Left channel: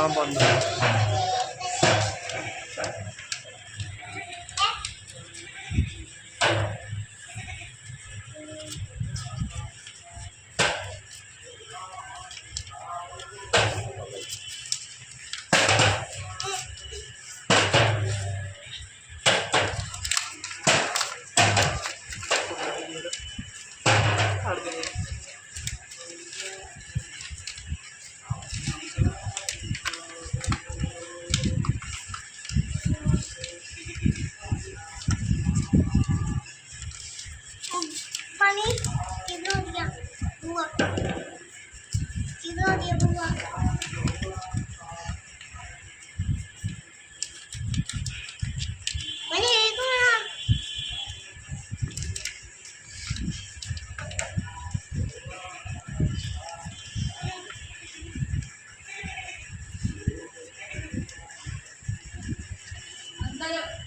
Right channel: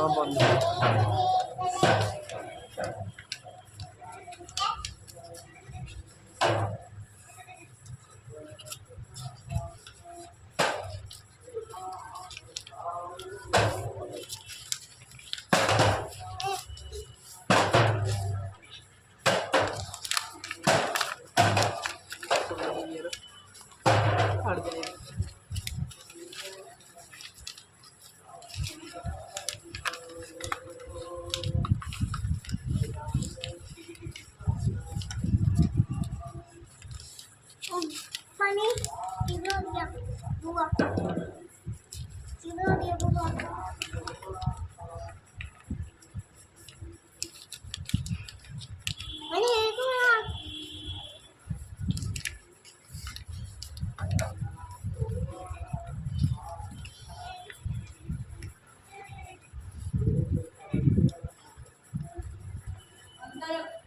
हाँ बंद हट गए। पानी किधर हो गया बुआ किधर हो गया बुआ मैंने एक अंदर